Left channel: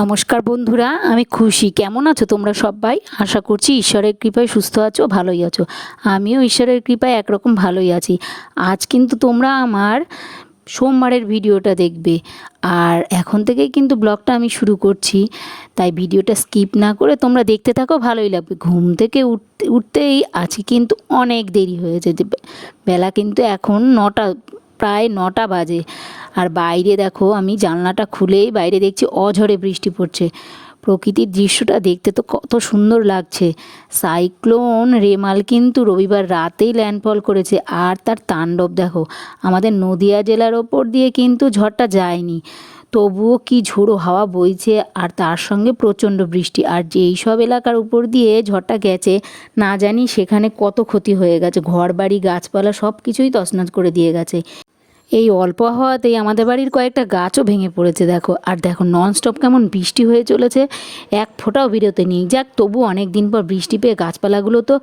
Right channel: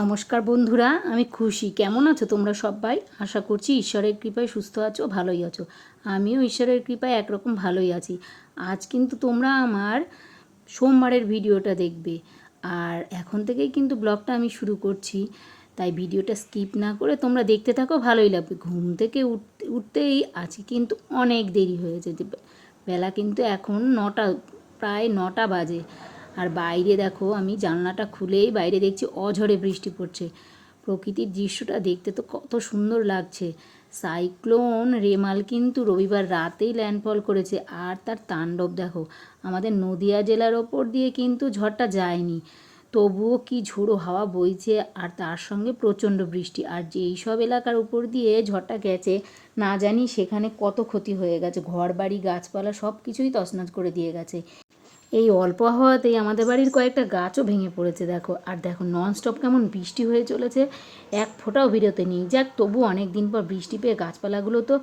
নমস্কার বন্ধুরা, আমি খুশি। কেমন আছো তোমরা সবাই? আশা করছি ঈশ্বরের কৃপায় সুস্থ আছো, ভালোই আছো। আমিও ঈশ্বরের কৃপায় একরকম ভালোই আছি। আজ কিন্তু তোমরা আমার সোমবারের ভিডিওটা দেখবে, আর এখন থেকেই কিন্তু ব্লগটা আমি শুরু করছি। তাই ভিডিওটা স্কিপ না করে তোমরা দেখতে থাকো, ভালোই লাগবে। ঘুম থেকে উঠতেই আজকে কিন্তু অনেক দেরি হয়েছে, যে বেলা কিন্তু এখন 9টা, প্রায় 9টা বাজে। আর বাইরে দেখো, আমি জানলাটা খুলেই বাইরে দেখছি অঝরে বৃষ্টি পড়ছে। প্রকৃতির দৃশ্যটা দেখতে তো কত সুন্দর লাগছে। সাইক্লোন রেমাল কিন্তু রবিবার রাতেই ল্যান্ডফল করেছে, আর তার তাণ্ডব দেখো। আমাদের নদিয়া জেলার ওপর দিয়ে কিন্তু ঝড়টা যায়নি, তবুও কি ঝোড়ো হাওয়া বইছে, আর তার সঙ্গে প্রচণ্ড বৃষ্টি। আর যেই সব এলাকার উপর দিয়ে ঝড়টা গেছে, না জানি সেখানে কত ক্ষতি হয়ে গেছে। ঘরবাড়ি, গাছপালা সব কিছুই তছনছ করে দিয়ে গেছে। এই অল্প হাওয়াতেই আমাদের বাড়ির কয়েকটা গাছও ভেঙে পড়েছে দেখো। আর দেখো ননস্টপ কেমন বৃষ্টি হয়ে চলেছে, এক ফোঁটাও বিরতি নেই। যাক, তবু অনেক দিন পর বৃষ্টি পেয়ে গাছপালাগুলো তো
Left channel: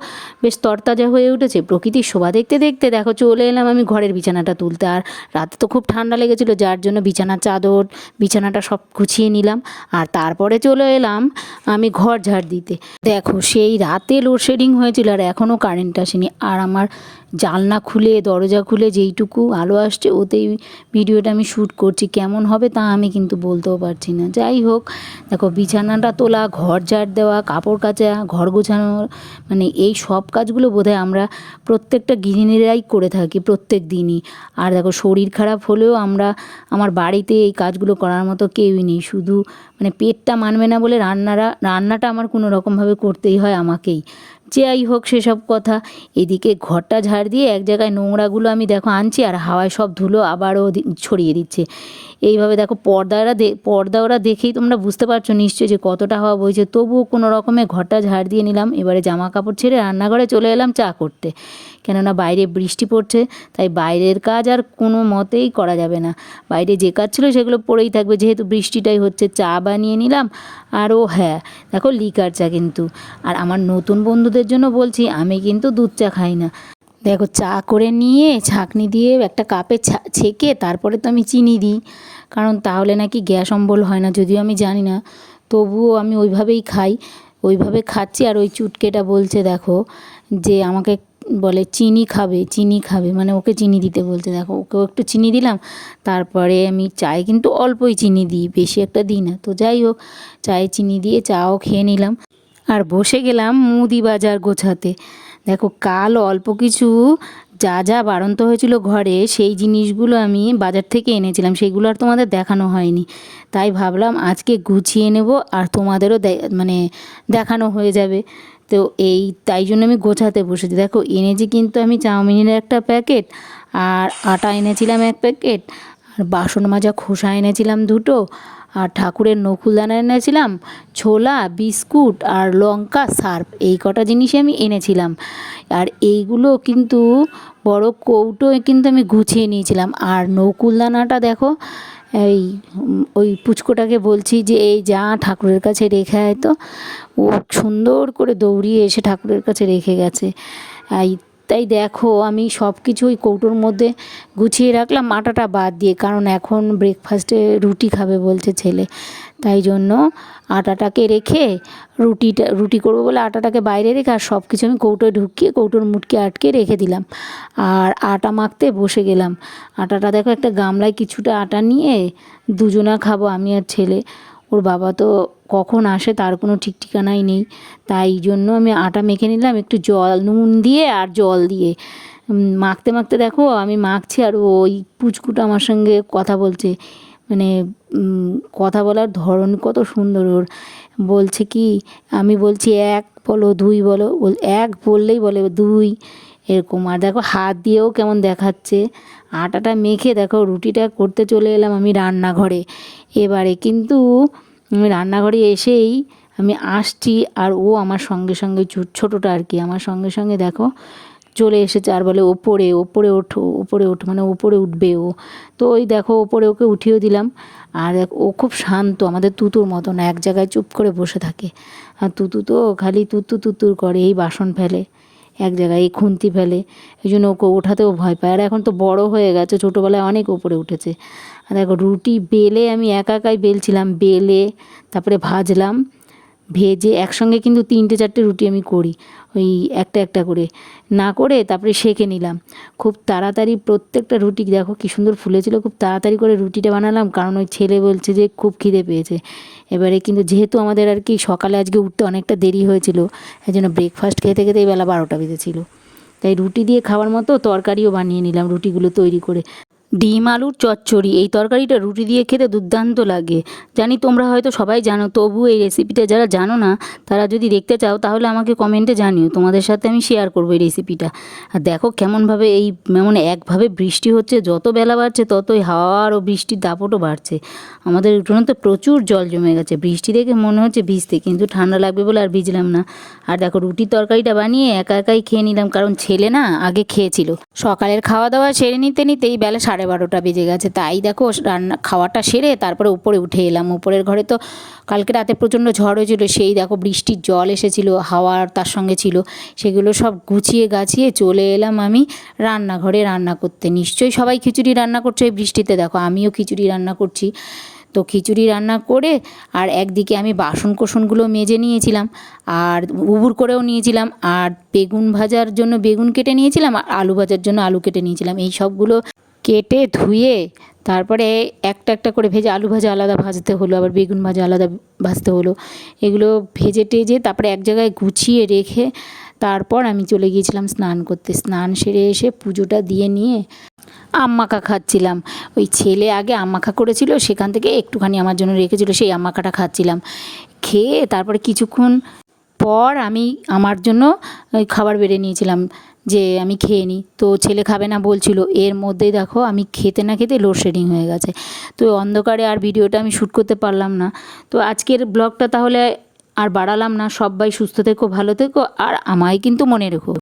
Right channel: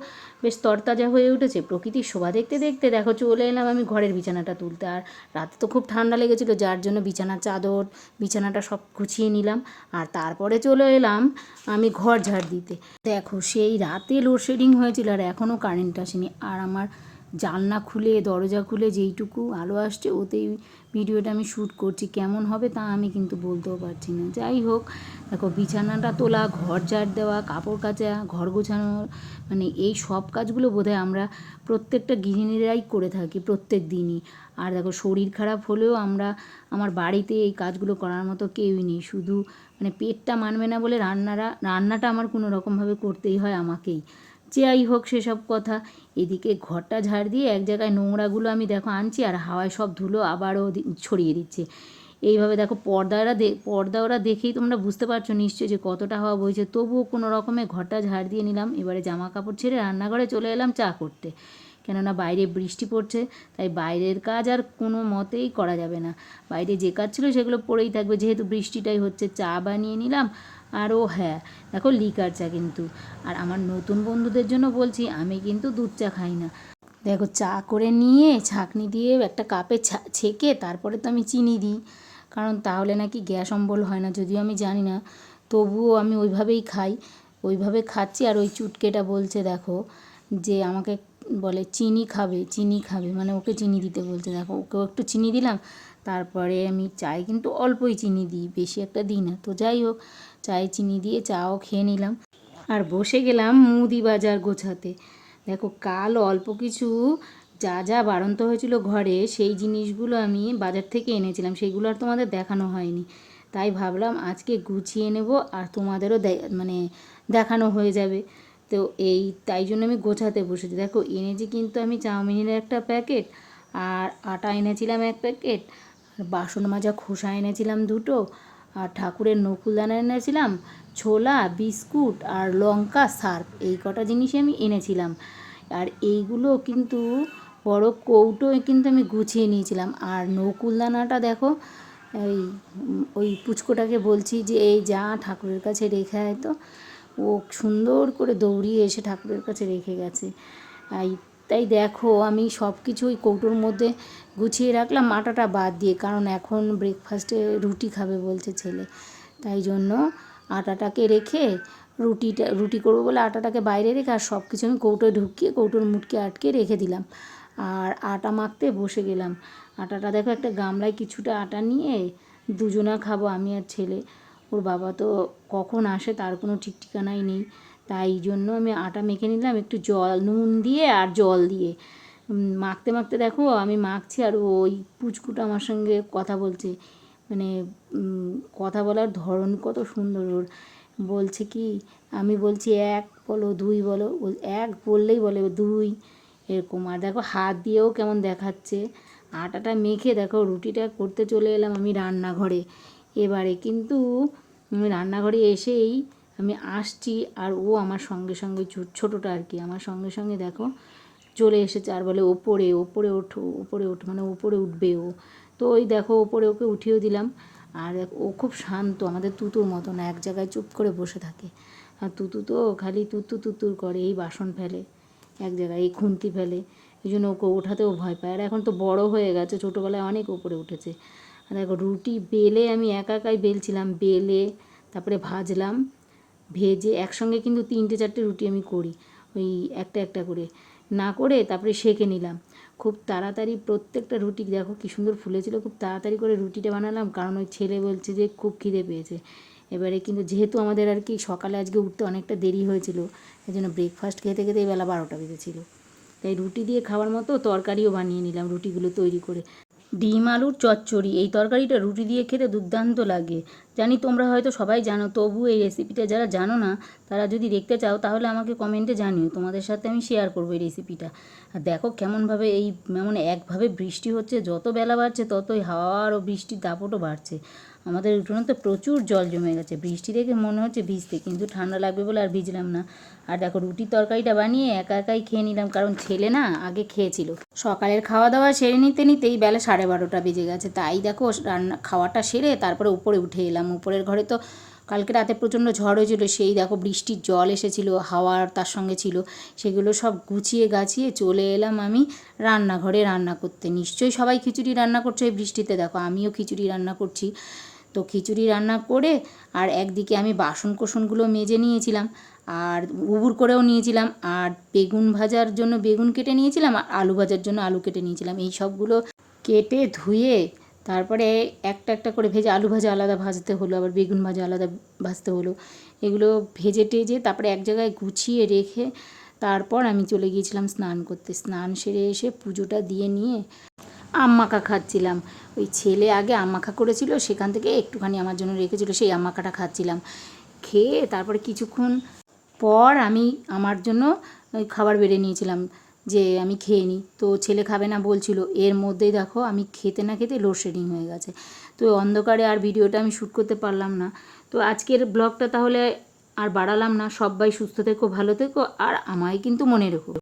বেশ তরতাজা হয়ে উঠেছে। প্রকৃতির শোভা দেখতে দেখতে দেখো চলে এলাম আমি ঘরের বিছানাটা তুলতে। আর রাতে তো খুব ঠান্ডা লেগেছিলো, যার জন্য বিছানার চাদর, বিছানাটা সব গুছিয়ে নিলাম। আর তারপরে চলে এলাম আমি ঘর ঝাড় দিতে। দেখো, সেই রাতে লোডশেডিং হয়েছিল আর এখনও কারেন্ট আসেনি। আর আমার জানলা খুলে, দরজা খুলে যেইটুকু আলো আসছে, ওতেই ভিডিওটা আমি শ্যুট করছি। কেমন হবে তা আমি কিন্তু বলতেও পারছি না। যাই হোক, দেখো বিছানাটা তোলা, ঘর ঝাড় দেওয়া, কাপড় কাচা, ঘর গোছানো, মানে এই সব কাজগুলো বোধহয় আমরা প্রত্যেকটা গৃহিণীরাই করে থাকি প্রত্যেক দিনই। আর দেখো, শরীর খারাপ হলেও আমার বাড়িতে এই কাজগুলো করার মতো কেউই নেই। শুধু মানে পেটটা মানবে না বলে রান্নাটা আমার কোনো রকমভাবে করতেই হয় আমাকেই। যাই হোক, সেসব কথা। এদিকে ঘরটা ঝাড় দিয়ে এক জায়গায় নোংরাগুলো আমি দেখো আনছি, আর হাওয়ায় সব ধুলো আবারও ছড়িয়ে দিচ্ছে। এইভাবে দেখো পর্দা ওরা দেখেই তোমরা বুঝতে পারছো নিশ্চয়ই যে কতটা হাওয়া বইছে। তবুও কোনো রকমে ঘরটা ঝাড় দিয়ে নিলাম। এবারে জামা কাপড় ছেড়ে রান্নাঘরে চলে এলাম চা করতে, কেননা বাইরে বৃষ্টি পড়ছে। তাই বাইরের কাজ আর কোনো মতেই করা যাবে না। বাইরে যে কাজ ছিল সেগুলো পড়েই থাকবে, যেহেতু বৃষ্টিটাই হচ্ছে। চা বানিয়ে নিলাম। আর ও হ্যাঁ, দেখো লিকার চা কিন্তু। আর আমার নতুন বন্ধুদের জন্য বলছি, আমি কিন্তু দুধ চা খাই না। দেখো, চা করে নিয়ে ছাঁকনি দিয়ে একটা কাপে ছেঁকে তারপরে তো আমি চিনি দিই, কারণ তাহলে নাকি গ্যাস অম্বল হয় না। যদিও আমি জানি না, তবুও আমি ওইভাবেই খাই, ওইভাবে খাচ্ছি। আর ওই চুটকেটা বলছে দেখো, যে আমাকে বলে চিনি খাবে, চিনি খাবে, মানে ওকে চিনি দিতে বলছে। দেখো, ওকেও একটু চিনি দিলাম। তারপরে আমি চায়ে কিন্তু অল্পই চিনি দিই, বেশি একটা দিই না। তো যাই হোক, চায়ে চিনি দিয়ে চাও খেয়ে নিলাম। আর বসে গেলাম মুদি বাজার গোছাতে। দেখো, কাল অল্প কিছু যা যা বাড়ন্ত হয়েছিল ঘরে, সেই জিনিসগুলো আমি বাজার থেকে এনেছিলাম। সেগুলো আর তোমাদের দেখানো হয়নি, তাই ভাবলাম আজকে গুছিয়ে নেব, আর তোমাদেরও মানে দেখানো হয়ে যাবে। তো তাই জন্য আমি গোছাতে বসেছি। দেখো, এনেছি কিন্তু আমি চাউমিনের একটা প্যাকেট, আর আটা এনেছিলাম 1 প্যাকেট, আর বাসন মাজা খোসা এনেছিলাম 2টো, আর ঠাকুরের নকুলদানা এনেছিলাম, ছোলা, বিস্কুট, আর লঙ্কা, সার্ফ। এই কটা জিনিসই আমি এনেছিলাম। আর এইগুলো কিন্তু বড় কৌটোয় কিন্তু আমি গুছিয়ে নিয়েছিলাম। আর নকুলদানাটা দেখো, এই ওই পুচকোটাকে বলছি যে এই যা ঠাকুরের কাছে রেখে আয় তো। ও সুন্দর করে দৌড়িয়ে এসে ঠাকুরের কাছে রেখে গেছে। তাই দেখো, আমি সব কিছু ওই কৌটোর মধ্যে গুছিয়ে রাখলাম, আটাটা বাদ দিয়ে, কারণ এখন ব্রেকফাস্টে রুটি খাবে বলছে ছেলে। তাই জন্য আটাটাকে রেখে রুটি করবো বলে আটাটাকে বাইরে রেখে, আর সব কিছু আমি কৌটোয় ঢুকিয়ে কৌটোর মুটকে আটকে রেখে দিলাম। আর আটা মাখতে বসে গেলাম। আটাটা দেখো, একটা গামলায় কিছুটা আটা নিয়ে দুজনা খাবো, আমি আর ছেলে। ওর বাবা তো কখন আসে তার কোনো ঠিক ঠিকানাই নেই। তাই জন্য আমি আটা মেখে নিলাম একটু নুন দিয়ে আর জল দিয়ে। মাখতে মাখতে দেখো, আমি মাখছি আর ওই পুচকুটা আমার সঙ্গে কথা বলছে। মানে কথা বলার ধরন কত সুন্দর ওর। বলছে কি, আমি বলছি 1 বলো, 2 বলো, 1 বললেই বলে 2, এরকম। আর দেখো, হাত দিয়েও কেমন দেখাচ্ছে। আটাটা মেখে দেখো রুটিটা করতে চলে এলাম আমি রান্নাঘরে। এবারে কিন্তু আমি রান্নাঘরে এসেই আমি আসছি, আর ও আমার সঙ্গে সঙ্গে ছোটোটা আর কি, আমার সঙ্গে সঙ্গে দেখো চলে এসেছে। আর বলে ওপরে ওপরে ওঠো, ওপরে ওঠো, মানে ওপরে উঠবে ও। তো ওই দেখো, ওপরে ওকে উঠিয়েও দিলাম। আর ও খুব শান্ত, আমাদের তুতুর মতন এক জায়গায় চুপ করে বসে থাকে। আর তুতু তো খালি তুতুর করে, এই বাসন ফেলে এক জায়গায়, এই খুন্তি ফেলে। এই জন্য ওকে ওঠাতেও ভয় পায়। আর এখন তো বড় হয়ে গেছে, ছোটোবেলায় অনেক ওপরে উঠেছে। আর দেখো, রুটি বেলে আমি একাই বেলছিলাম, বেলে তারপরে ভাজলাম, ভেজে একসঙ্গে কিন্তু 3-4টে রুটি আমি করি, ওই একটা একটা করে না করে তারপরে সেঁকে নিলাম। খুব তাড়াতাড়ি প্রত্যেকটা রুটি দেখো কী সুন্দর ফুলেছিল, খুব তাড়াতাড়ি করে রুটিটা বানালাম, কারণ ওই ছেলে বলছে যে খুব খিদে পেয়েছে। এবারে কিন্তু যেহেতু আমাদের আর কি সকালে আজকে উঠতে অনেকটা দেরি হয়েছিল, এই জন্য ব্রেকফাস্ট খেতে খেতেই বেলা 12টা বেজেছিল। তাই রুটি দিয়ে খাওয়ার মতো তরকারিও বানিয়ে নিলাম রুটিগুলো তৈরি করে। ডিম আলুর চচ্চড়ি, এই তরকারিটা রুটি দিয়ে খেতে দুর্দান্ত লাগে। জানি তোমরা হয়তো সবাই জানো, তবু এই রেসিপিটা যারা জানো না তারা যদি দেখতে চাও তাহলে আমাকে কমেন্টে জানিও, তোমাদের সাথে আমি শেয়ার করবো এই রেসিপিটা। আর দেখো কেমনভাবে একভাবে বৃষ্টি হচ্ছে, যত বেলা বাড়ছে ততই হাওয়া ও বৃষ্টির দাপটও বাড়ছে। আমাদের উঠোনে তো প্রচুর জল জমে গেছে, বৃষ্টি দেখে মনে হচ্ছে ভিজতে, কিন্তু ঠান্ডা লাগবে বলে আর ভিজলাম না। আর দেখো রুটির তরকারিটা বানিয়ে একা একাই খেয়ে নিলাম, কারণ ছেলে না আগে খেয়েছিল। সকালের খাওয়া দাওয়া সেরে নিতে নিতেই বেলা 12:30টা বেজে গেছে। তাই দেখো খাওয়াটা সেরে তারপরে উপরে উঠে এলাম। উপরের ঘরে তো কালকে রাতে প্রচণ্ড ঝড় হয়েছিল, সেই দেখো বৃষ্টির জল এসেছিল, হাওয়ার তার সঙ্গে ছিল, সেগুলো সব গুছিয়ে গাছিয়ে চলে এলাম আমি রান্নাঘরে রান্না করতে। নিশ্চয়ই সবাই খিচুড়ি রান্না করছে এই বৃষ্টিতে, দেখো আমিও খিচুড়ি রান্না করছি। তো খিচুড়ি রান্না করে আর একদিকে আমি বাসন কোসনগুলো মেজে নিয়েছিলাম, আর উবুর করেও নিয়েছিলাম, আর বেগুন ভাজার জন্য বেগুন কেটে নিয়েছিলাম, আর আলু ভাজার জন্য আলু কেটে নিয়েছিলাম। এই সবগুলো কেটে ধুয়ে তারপরে একটা একটা করে ভেজে, আলু ভাজা আলাদা ভাজতে হলো, আবার বেগুন ভাজা আলাদা ভাজতে হলো। এগুলো ভেজে টেজে তারপরে এক জায়গায় গুছিয়ে রেখে তারপর আমি চলে গিয়েছিলাম স্নান করতে। স্নান সেরে এসে পুজোটা দিয়ে নিয়ে আম মাখা খাচ্ছিলাম। ওই ছেলে আগে আম মাখা করেছিল, সেখান থেকে একটুখানি আমার জন্য রেখেছিল, সেই আম মাখাটা খাচ্ছিলাম। খেয়ে তারপরে কিছুক্ষণ পর আমি আমার জন্য খাবার বেড়ে নিয়েছিলাম যে আমি খেয়ে নিই। তো ছেলে খাবে না বলছিল, এর মধ্যেই দেখো আমি খেতে না খেতে লোডশেডিং হয়ে গেছে। তো অন্ধকারে আর ভিডিওটা আমি শ্যুট করতে পারলাম না। তো আজকের ব্লগটা তাহলে আর বাড়ালাম না। সবাই সুস্থ থেকো, ভালো থেকো, আর আমায় কিন্তু মনে রেখো।